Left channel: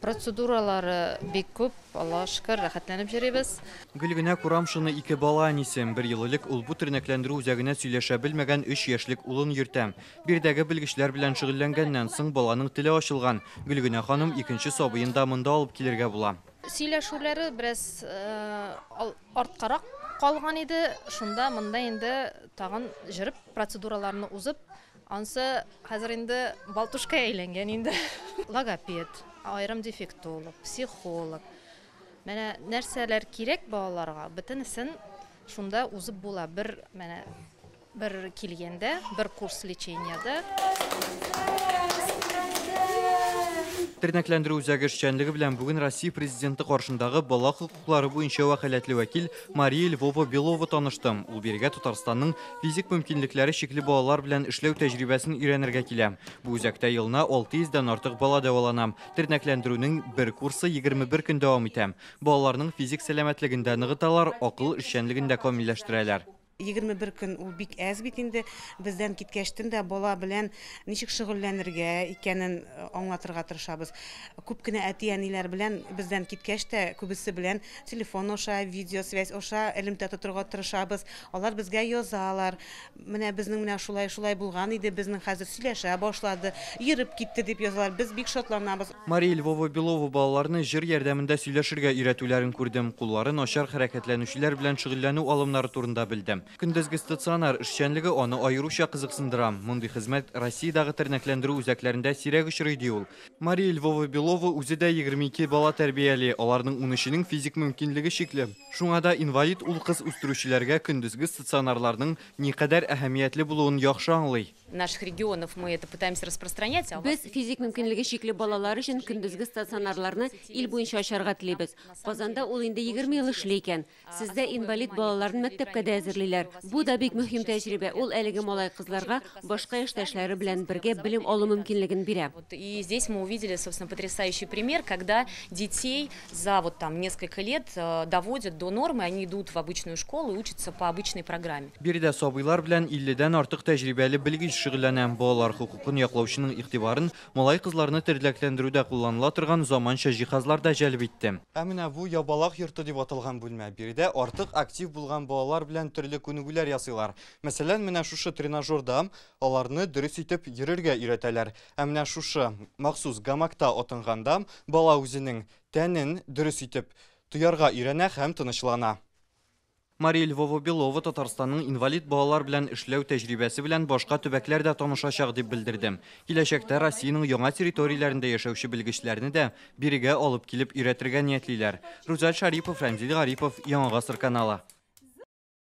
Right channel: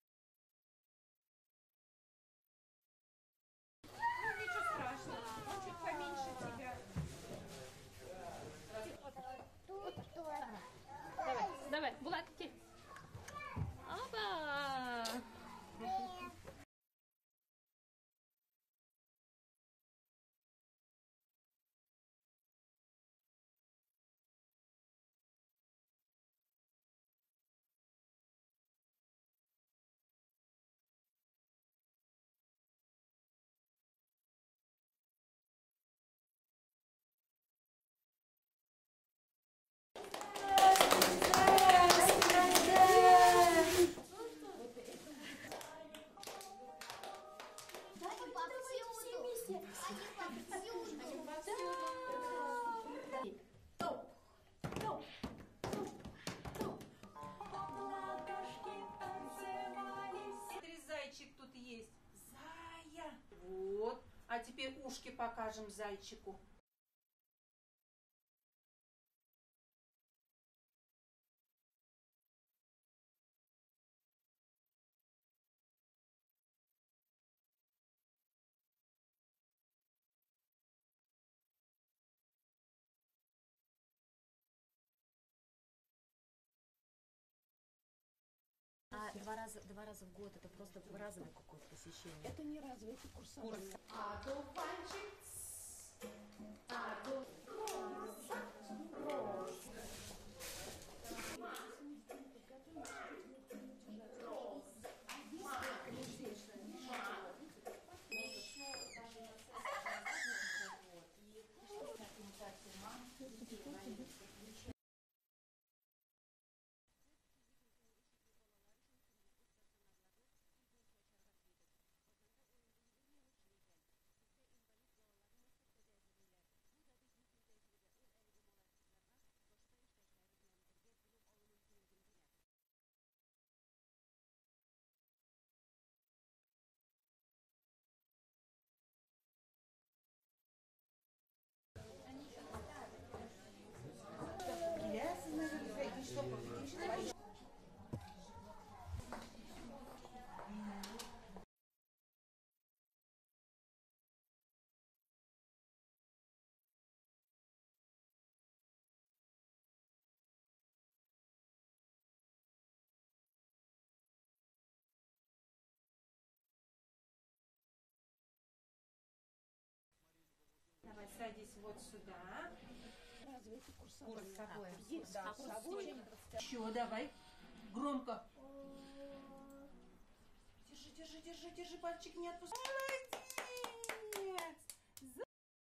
Процедуралары бик күп, Аллаһка шөкер, рәхәтләнеп йөрибез. Гөлгенә Курамшины 2 бала әнисем, 1 ел элек ул бу тернәкләндерү үзәгенә сөйләшә белмәгән 3 яшьлек улын йөртәм. Бирдәге белгечләр белән шөгыльләнгәннән соң баланың теле ачылган. Гөлгенә ханым икенче сабыен да монда алып килергә була. Сөйләшүләре бераз арткарак калган иде. Шунда монда инде тагын җырып процедураларны узып, ансы хәзер инде балтушка әйләнгән инде. Логопед, айрым дефектолог, психолог. Менә нәрсәләр кирәк балаларга, бөтенесен шунда узып була. Бер килгәндә, бер курс лечениядә. Тернәкләндерү үзәге эшчәнлеге белән бүген Россия президенты каршындагы бала хокуклары буенча вәкаләтле вәкил Мария Львова Белова таныштым. Ул биргә Татарстанның физик мөмкинлекләре чикле балалар белән эшләү тәҗрибәсен өйрәнергә килә. Бу үзәктә елына 600 дан артык бала дәвалана. Тернәкләндерүнең бер курсы 21 көн дәвам итә. Балаларның физик сәламәтлегендә ныгыталар, акыл эшчәнлегендә камилләштерәләр. 21 көн ул бик әз бит инде. Бездән киткәчтен дә бала белән ничек шөгыльләнергә икәнен аңлатырга тырышабыз. Күп кенә әти-әниләр белән бездән киткәч тә күбесе белән телефон аша, видеосвязь аша элемтә тотырга тырышабыз. Алар безгә язалар. Менә безнең менә шулай булган иде, безнең хәзер сөйләшә башлады, йөреп китте дип язалар. Без бик шатланабыз. Мария Львова Белова балаларны җыр ярдәмендә сөйләшергә өйрәтүләрен күрдем. Куллары начар хәрәкәтләнүчеләр белән шөгыльләнү алымнары турында белдем. Көндезге стационар эшчәнлеге аны аеруча кызыксындыра. Мондый хезмәт Россиядагы тернәкләндерү үзәкләрендә сирәк очрый ди ул. Мария Львова Белова үзе дә 22 бала тәрбияли. Аларның 13-нең физик мөмкинлеге чикле. Шуңа да инвалид ул кыз үстерүчеләргә көндезге стационарларның никадәр әһәмиятле булуын яхшы аңлый. Наших регионов мы это пытаемся распространять. Без физик мөмкинлеге чикле балалар өчен көндезге стационарларны ил буенча ачарга телибез. Казанда ул инде 20 ел эшли икән. Сездә инвалид балаларны мәктәпкә дә әзерлиләр. Бу да бик мөһим тәҗрибә. Ул әлеге малай кызларга башка эштәшләре белән бергә белем алу мөмкинлеген бирә. И здесь мы увидели, собственно, потрясающий пример, когда детей за несколько лет доводят до нормы, они идут в обычную школу и учатся по обычной программе. Биредә сабыйлар белән 50-дән артык тәҗрибәле белгеч шөгыльләнә. Балалар хукукын яклаучының игътибарын малай кызларны тернәкләндерүдә кулланыла торган заманча җиһазлар да җәлеп итте. Ә менә бу ябалак йорты дип аталган бүлмә. Биредә артык актив булган балалар белән төрле күнегүләр ясыйлар. Мәсәлән, менә шушы тренажерда аларны дөрес итеп йөрергә өйрәтәләр. Ә менә шушы махсус гамакта отынганда бала үзенең тәнен дөрес итеп тоярга өйрәнә һәм тынычлана. Мария Львова Белова Татарстанның инвалид балалар белән эшләү тәҗрибәсе белән башка төбәкләрдә танышачак дип белдердем. Киләчәктә Россиянең яңа территорияләрендә яшәүче белгечләрне дә бирегә алып килеп өйрәтергә ниятлиләр. Рузаль Шарипов, Рамзил Гарипов, Яңа Гасыр каналы.